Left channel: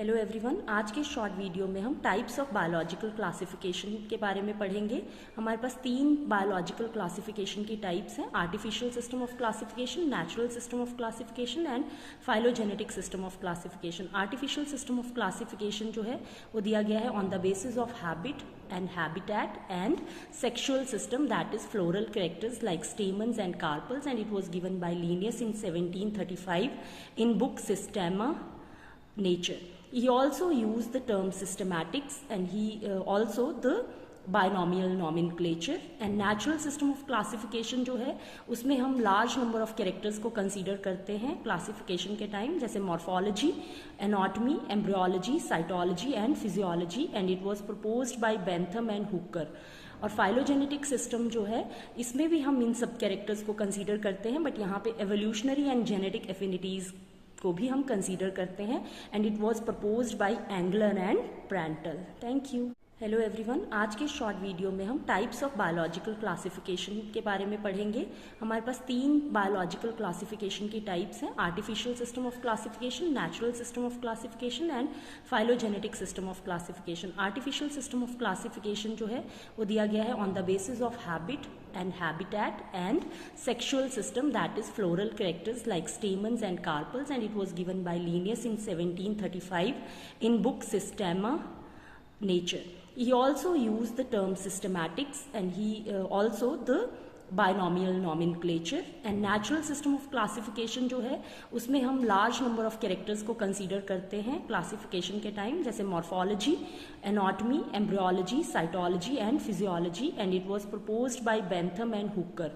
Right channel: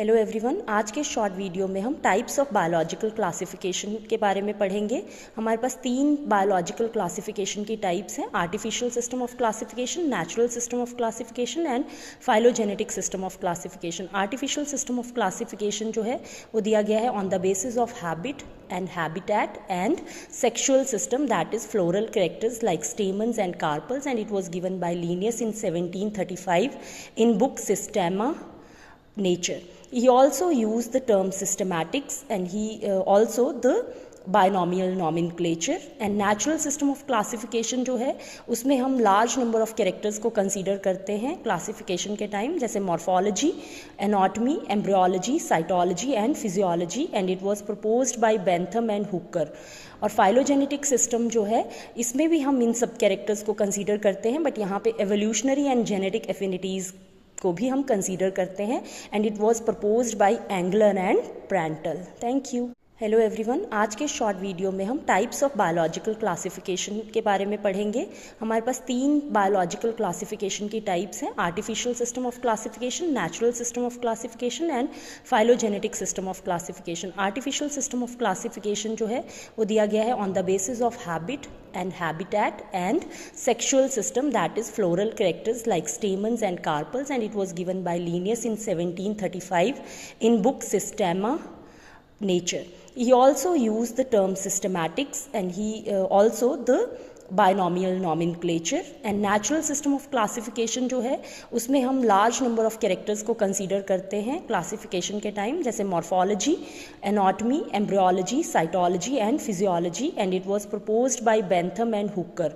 Hello everyone, आज के short video में हम टाइप्स ऑफ बायोलॉजिकल क्लासिफिकेशन के बारे में पढ़ेंगे। हमारे पास 3 बायोलॉजिकल क्लासिफिकेशन की टाइप्स हैं: artificial system of classification, natural system of classification and phylogenetic system of classification. Artificial system of classification जो है वो दिया गया है on the basis of habit and habitat and sexual system, that is floral characters like stamens and carpels, and it was given by Linnaeus in 1735 in book Systema Nature. He also used the term systematics, and he also the binomial nomenclature. and natural system of classification जो है उसमें हम large number of characters को consider करते हैं classification के time, जैसे morphology, anatomy, embryology, cytology and physiology, and it was proposed by Bentham and Hooker. और phylogenetic system जो है इसमें भी हम इन सब characters को consider करते हैं, but यहाँ पे evolutionary and genetic affinities को भी हम कंसीडर करते हैं, and it was proposed by Engler and Prantl. Thank you. Hello everyone, आज के शॉर्ट वीडियो में हम टाइप्स ऑफ बायोलॉजिकल क्लासिफिकेशन के बारे में पढ़ेंगे। हमारे पास 3 बायोलॉजिकल क्लासिफिकेशन की टाइप्स हैं: artificial system of classification, natural system of classification and phylogenetic system of classification. Artificial system of classification जो है वो दिया गया है on the basis of habit and habitat and sexual system, that is floral characters like stamens and carpels, and it was given by Linnaeus in 1735 in book Systema Nature. He also used the term systematics, and he also the binomial nomenclature. and natural system of classification जो है उसमें हम large number of characters को consider करते हैं classification के time, जैसे morphology, anatomy, embryology, cytology and physiology, and it was proposed by Bentham and Hooker.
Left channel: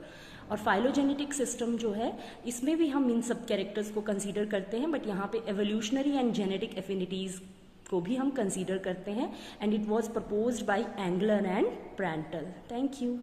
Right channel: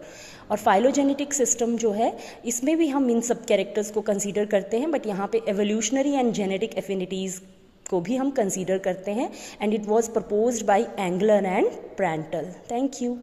और phylogenetic system जो है इसमें भी हम इन सब characters को consider करते हैं, but यहाँ पे evolutionary and genetic affinities को भी हम consider करते हैं, and it was proposed by Engler and Prandtl. Thank you.